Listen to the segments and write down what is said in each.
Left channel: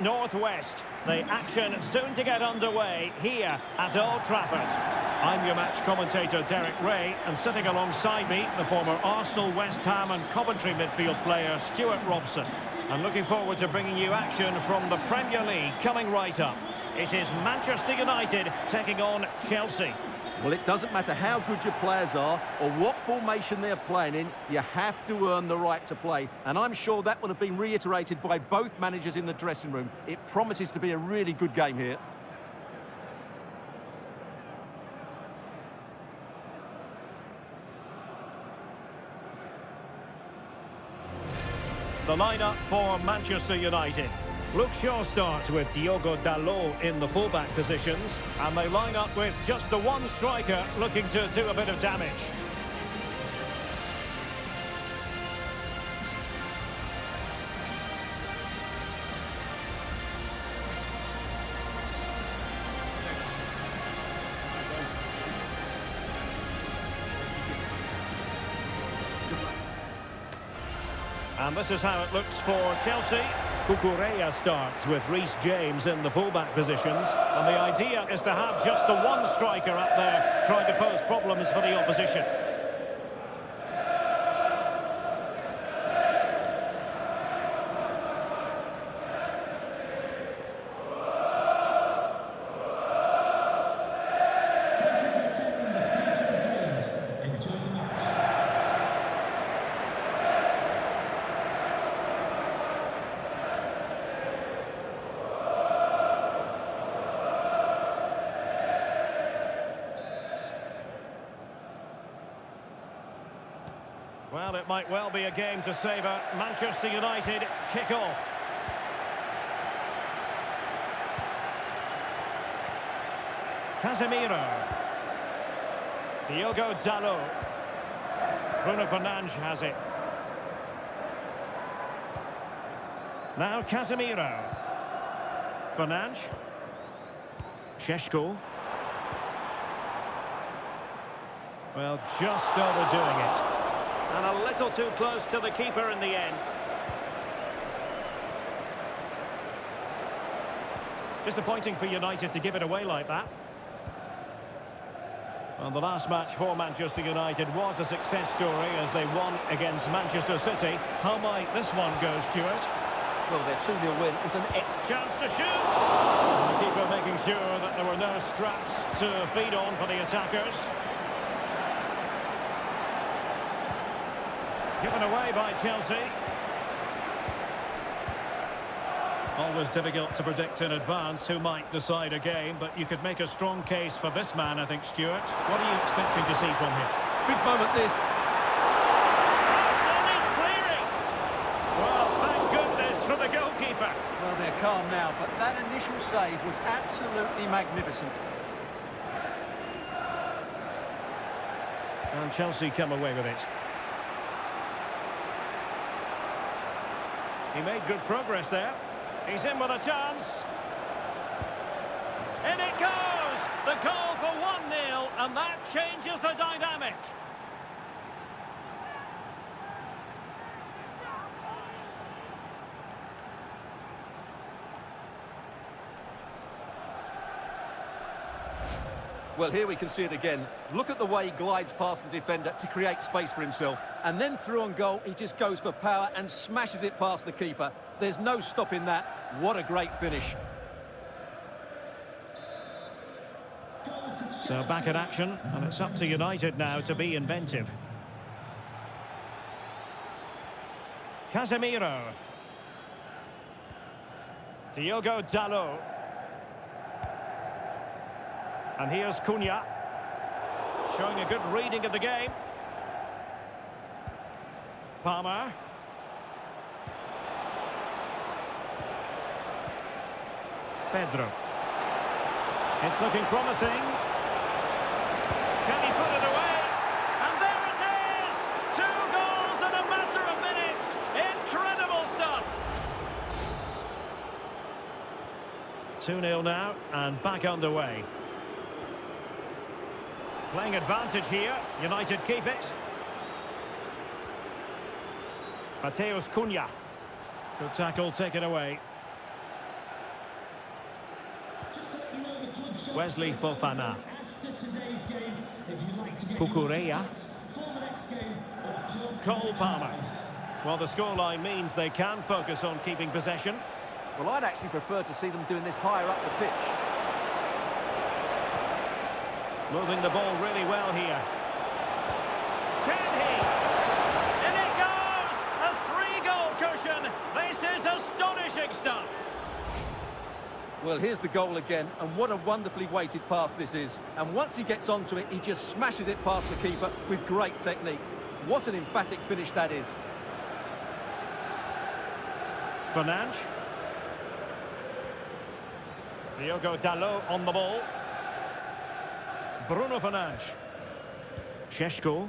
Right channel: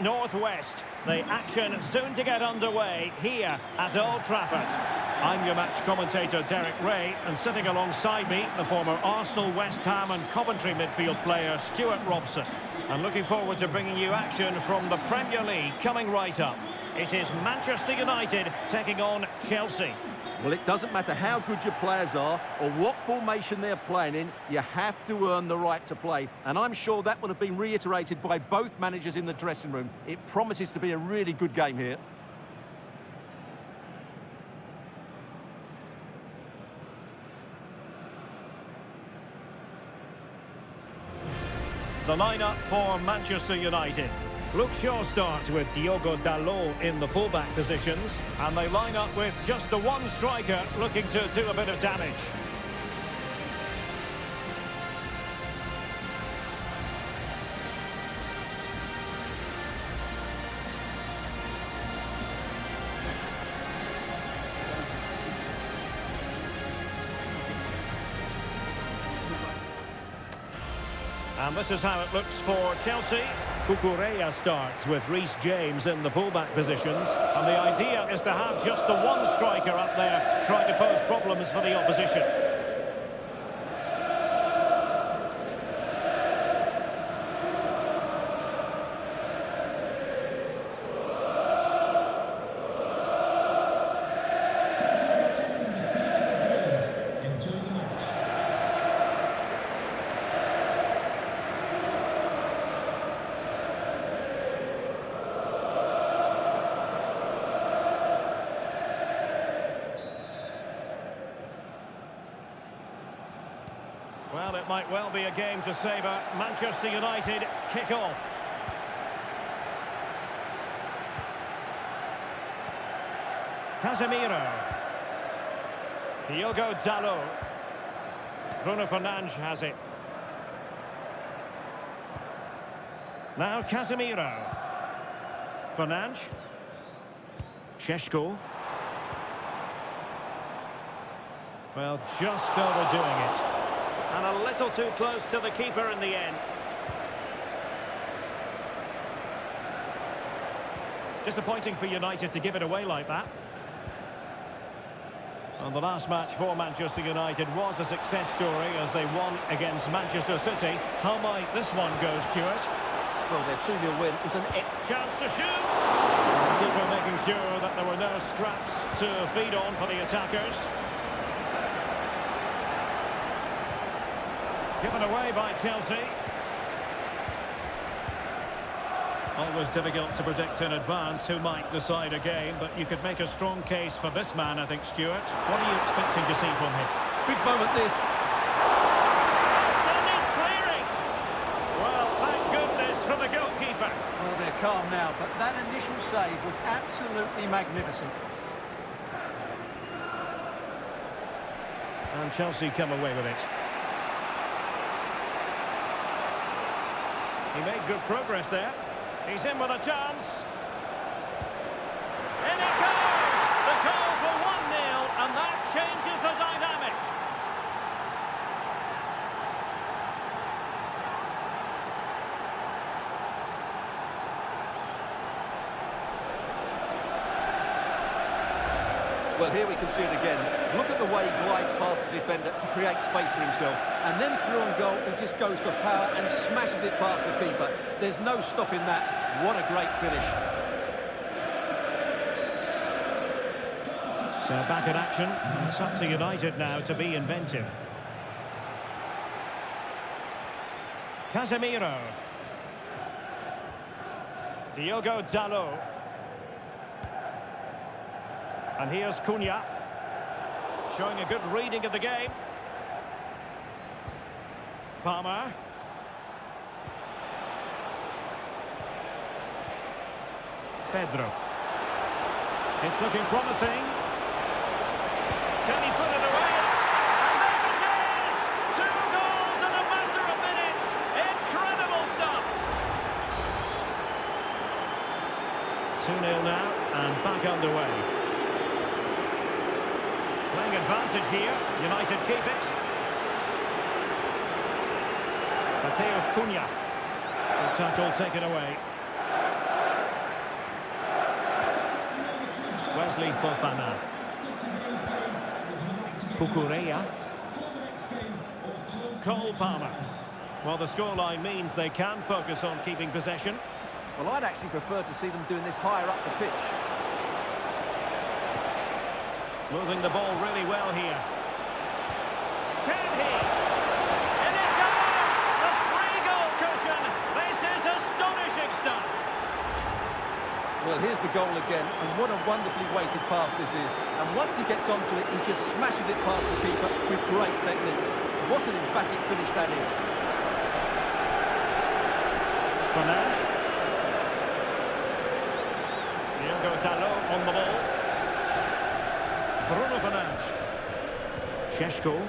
northwest. The action soon to get underway here at Old Trafford. I'm your match commentator Derek Ray, and sitting alongside me, the former Arsenal, West Ham and Coventry midfield player Stuart Robson. And looking forward to bringing you action from the Premier League coming right up. It is Manchester United taking on Chelsea. Well, it doesn't matter how good your players are or what formation they're playing in, you have to earn the right to play. And I'm sure that will have been reiterated by both managers in the dressing room. It promises to be a really good game here. The lineup for Manchester United. Luke Shaw starts with Diogo Dalot in the fullback positions, and they line up with just the one striker looking to do a bit of damage. And this is how it looks for Chelsea. Cucurella starts with Reece James in the fullback positions, and the idea is to have just the one striker up there trying to pose problems for the opposition. Well, it might well be a game to savour. Manchester United kick off. Casemiro. Diogo Dalot. Bruno Fernandes has it. Now Casemiro. Fernandes. Šeško. Well, just overdoing it. And a little too close to the keeper in the end. Disappointing for United to give it away like that. And the last match for Manchester United was a success story as they won against Manchester City. How might this one go, Stuart? Well, their 2-0 win was an chance to shoot. And the keeper making sure that there were no scraps to feed on for the attackers. Given away by Chelsea. Always difficult to predict in advance who might decide a game, but you could make a strong case for this man, I think, Stuart. What are you expecting to see from him? big moment, this. Still needs clearing. Well, thank goodness for the goalkeeper. Well, they're calm now, but that initial save was absolutely magnificent. And Chelsea come away with it. He made good progress there. He's in with a chance. In it goes! The goal for 1-0, and that changes the dynamic. Well, here we can see it again. Look at the way he glides past the defender to create space for himself. And then through on goal, he just goes for power and smashes it past the keeper. There's no stopping that. What a great finish. So back in action, and it's up to United now to be inventive. Casemiro. Diogo Dalot. And here's Cunha, showing a good reading of the game. Palmer. Pedro. It's looking promising. Can he put it away? And there it is! 2 goals in a matter of minutes. Incredible stuff. 2-0 now, and back underway. Playing advantage here. United keep it. Mateus Cunha. Good tackle taken away. Wesley Fofana. Kukureya. Cole Palmer. Well, the scoreline means they can focus on keeping possession. Well, I'd actually prefer to see them doing this higher up the pitch. Moving the ball really well here. Can he? In it goes! A 3-goal cushion. This is astonishing stuff. Well, here's the goal again, and what a wonderfully weighted pass this is. And once he gets onto it, he just smashes it past the keeper with great technique. What an emphatic finish that is. Fernandes. Diogo Dalot on the ball. Bruno Fernandes. Šeško.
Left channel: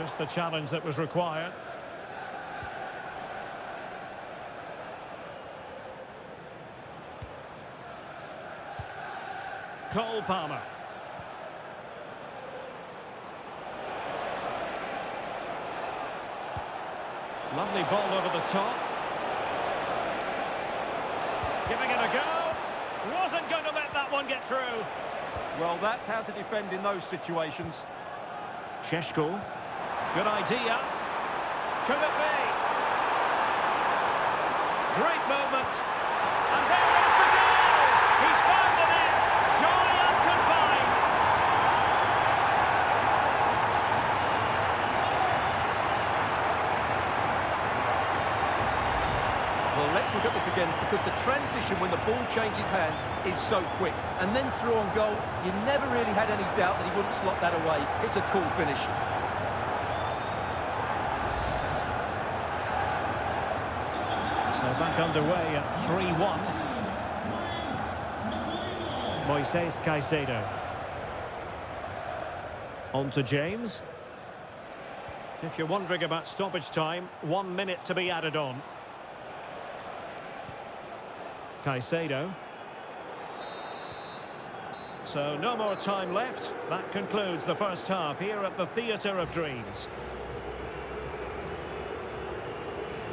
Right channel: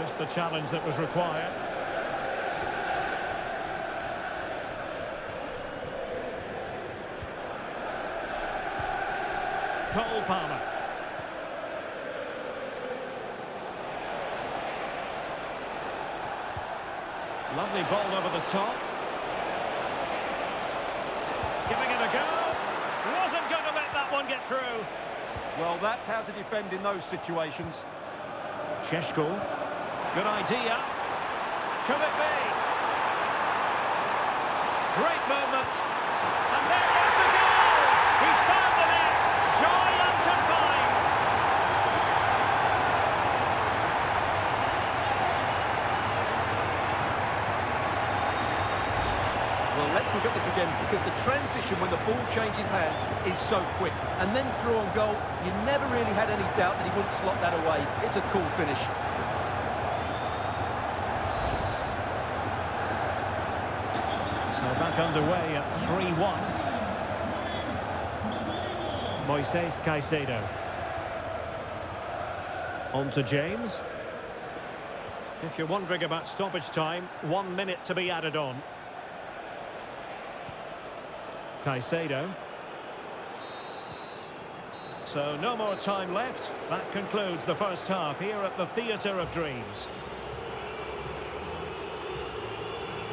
Just the challenge that was required. Cole Palmer. Lovely ball over the top. Giving it a go. Wasn't going to let that one get through. Well, that's how to defend in those situations. Šeško. Good idea. Could it be? Great moment. And there is the goal. He's found the net. Joy unconfined. Well, let's look at this again, because the transition when the ball changes hands is so quick. And then through on goal, you never really had any doubt that he wouldn't slot that away. It's a cool finish. So back underway at 3-1. Moises Caicedo. On to James. If you're wondering about stoppage time, 1 minute to be added on. Caicedo. So no more time left. That concludes the first half here at the Theatre of Dreams.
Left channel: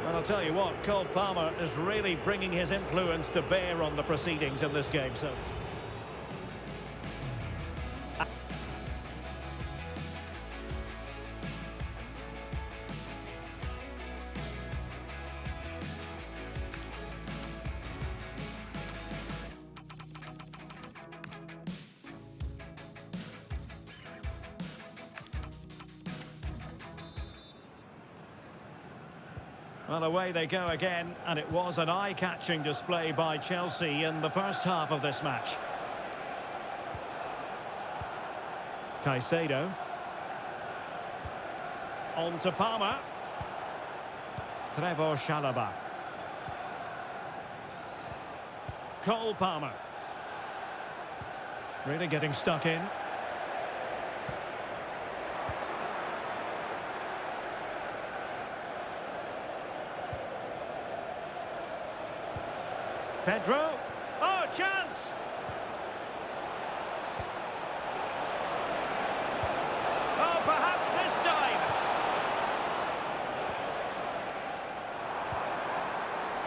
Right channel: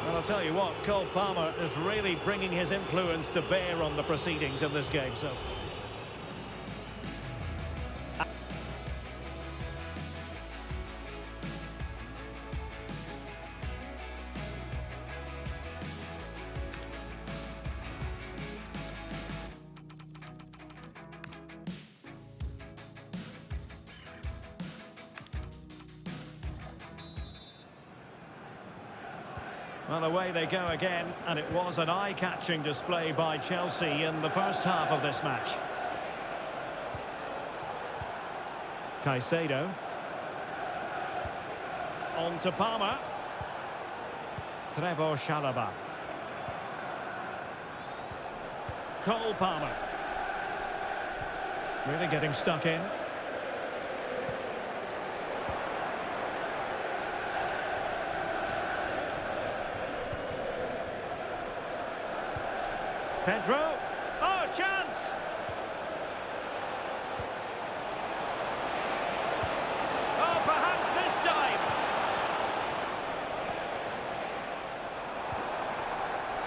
Well, I'll tell you what, Cole Palmer is really bringing his influence to bear on the proceedings in this game. So well, away they go again, and it was an eye-catching display by Chelsea in the first half of this match. Caicedo. On to Palmer. Trevor Chalobah. Cole Palmer. Really getting stuck in. Pedro. Oh, chance! Oh, perhaps this time.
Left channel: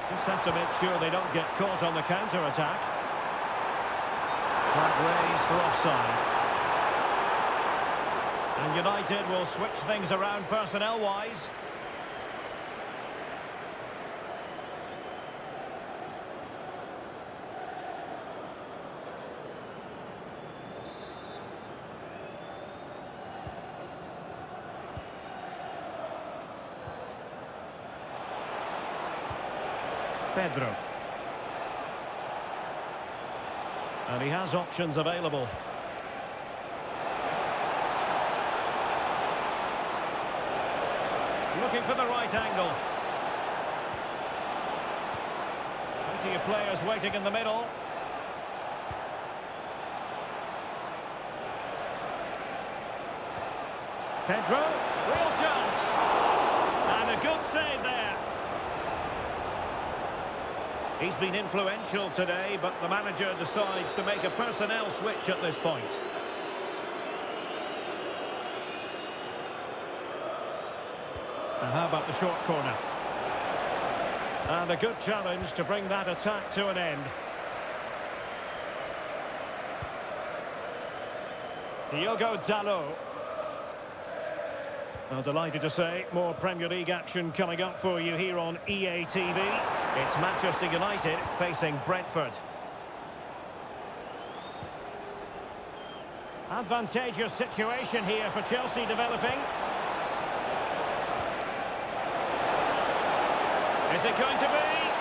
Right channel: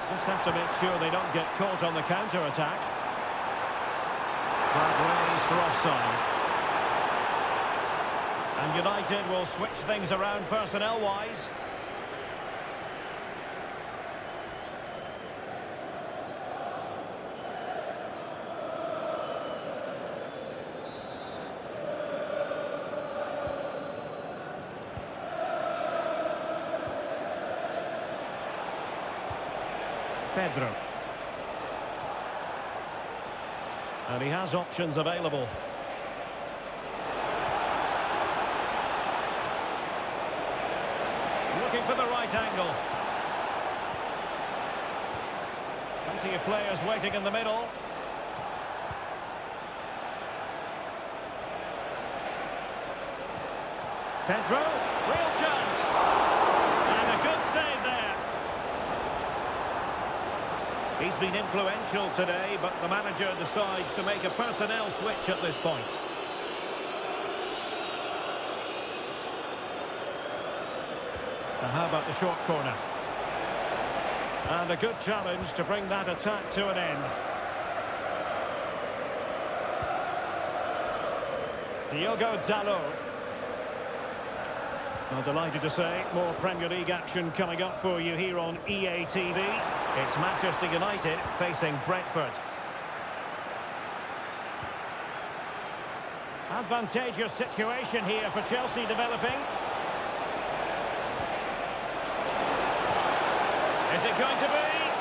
Just have to make sure they don't get caught on the counter-attack. Flag raised for offside. And United will switch things around personnel-wise. Pedro. And he has options available. Looking for the right angle. Plenty of players waiting in the middle. Pedro, real chance. And a good save there. He's been influential today, but the manager decides to make a personnel switch at this point. Now how about the short corner? And a good challenge to bring that attack to an end. Diogo Dalot. Well, delighted to say, more Premier League action coming up for you here on EA TV. It's Manchester United facing Brentford. Advantageous situation here for Chelsea developing. Is it going to be?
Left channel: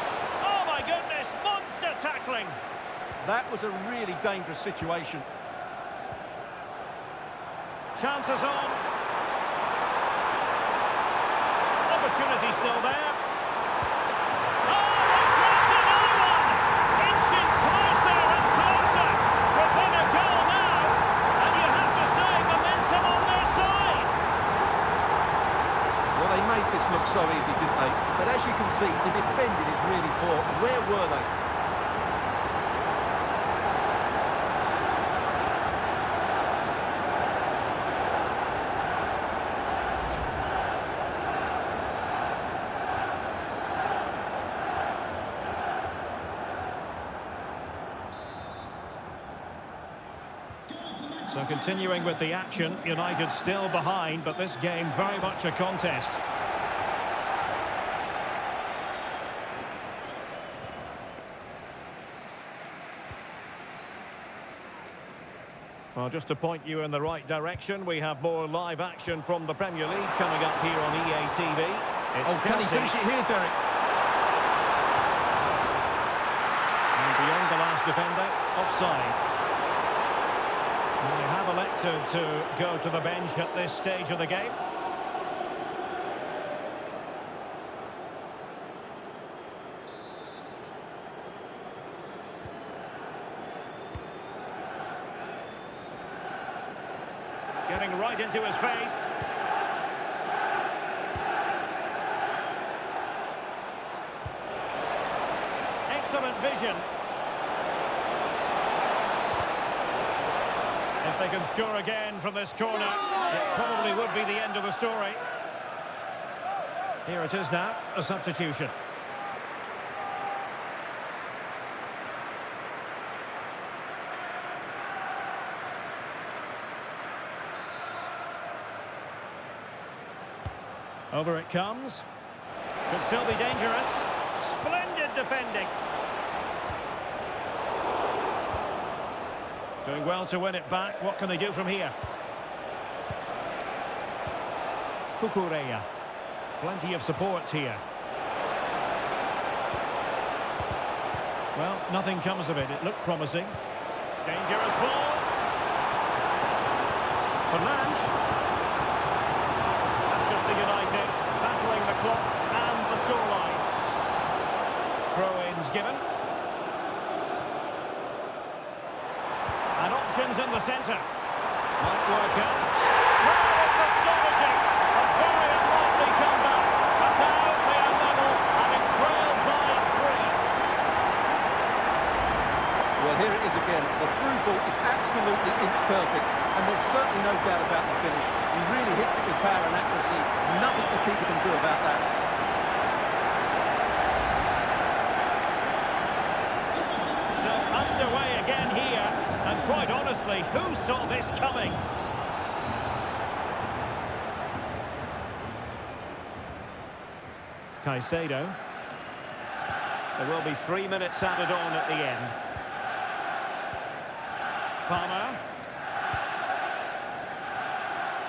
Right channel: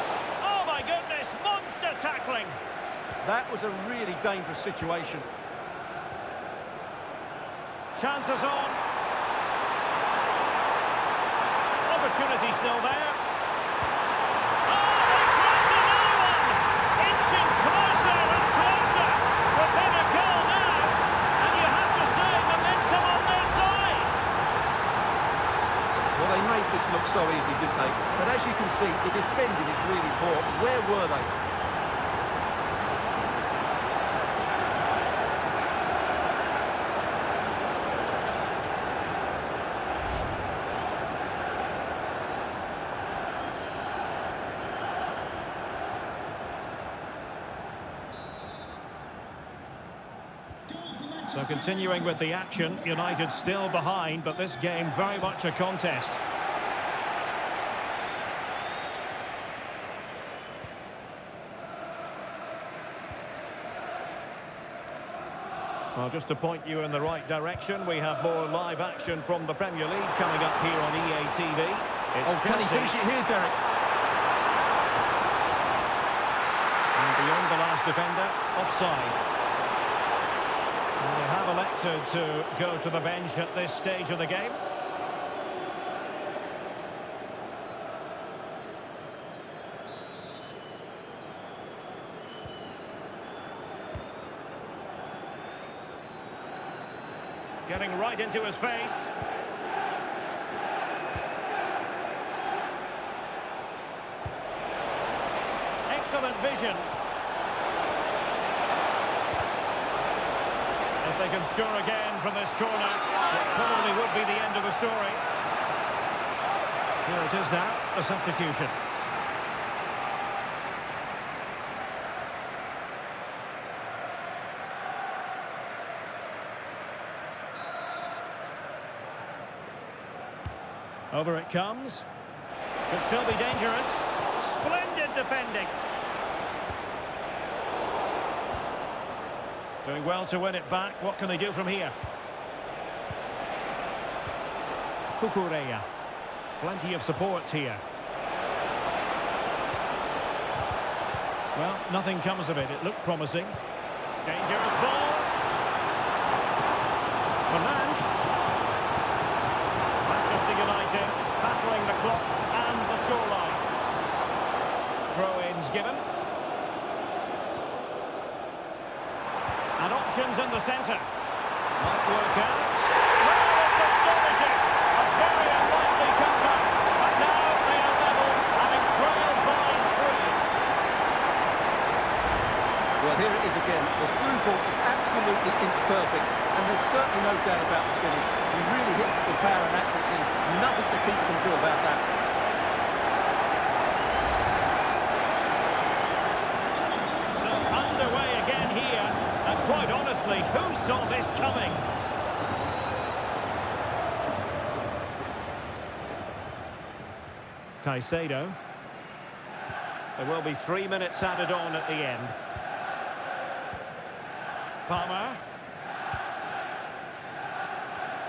Oh my goodness, monster tackling! That was a really dangerous situation. Chances on. Opportunity still there. Oh, they've grabbed another one! Inching closer and closer. Within a goal now. And you have to say, momentum on their side. Well, they made this look so easy, didn't they? But as you can see, the defending is really poor. Where were they? So continuing with the action, United still behind, but this game very much a contest. Well, just to point you in the right direction, we have more live action from the Premier League coming up here on EA TV. It's Can he Chelsea. finish it here, Derek? And beyond the last defender, offside. And they have elected to go to the bench at this stage of the game. Getting right into his face. Excellent vision. If they can score again from this corner, it probably would be the end of the story. Here it is now, a substitution. Over it comes. Could still be dangerous. Splendid defending. Doing well to win it back. What can they do from here? Cucurella. Plenty of support here. Well, nothing comes of it. It looked promising. Dangerous ball. Fernandes. Manchester United battling the clock and the scoreline. Throw-ins given. And options in the centre. Might work out. Well, it's astonishing. A very unlikely comeback. But now they are level, having trailed by 3. Well, here it is again. The through ball is absolutely inch perfect, and there's certainly no doubt about the finish. He really hits it with power and accuracy. Nothing the keeper can do about that. So underway again here. And quite honestly, who saw this coming? Caicedo. There will be 3 minutes added on at the end. Palmer.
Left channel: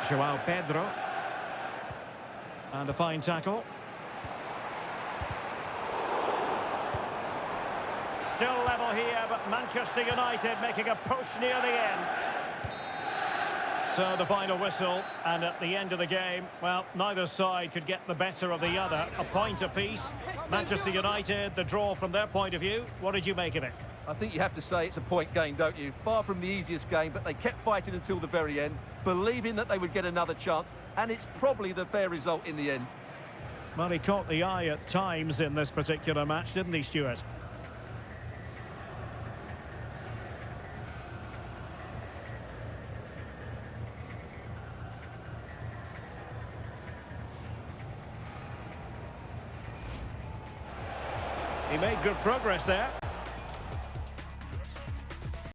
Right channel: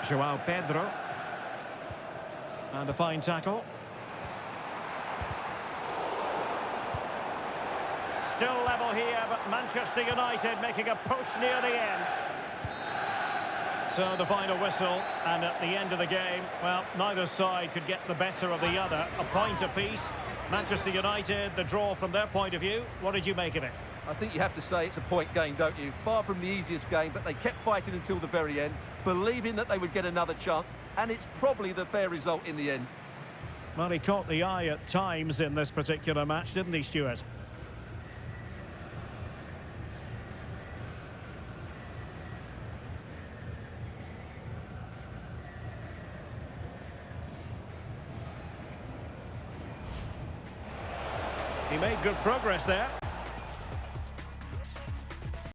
João Pedro. And a fine tackle. Still level here, but Manchester United making a push near the end. So the final whistle, and at the end of the game, well, neither side could get the better of the other. A point apiece. Manchester United, the draw from their point of view. What did you make of it? I think you have to say it's a point game, don't you? Far from the easiest game, but they kept fighting until the very end, believing that they would get another chance, and it's probably the fair result in the end. Well, he caught the eye at times in this particular match, didn't he, Stuart? He made good progress there.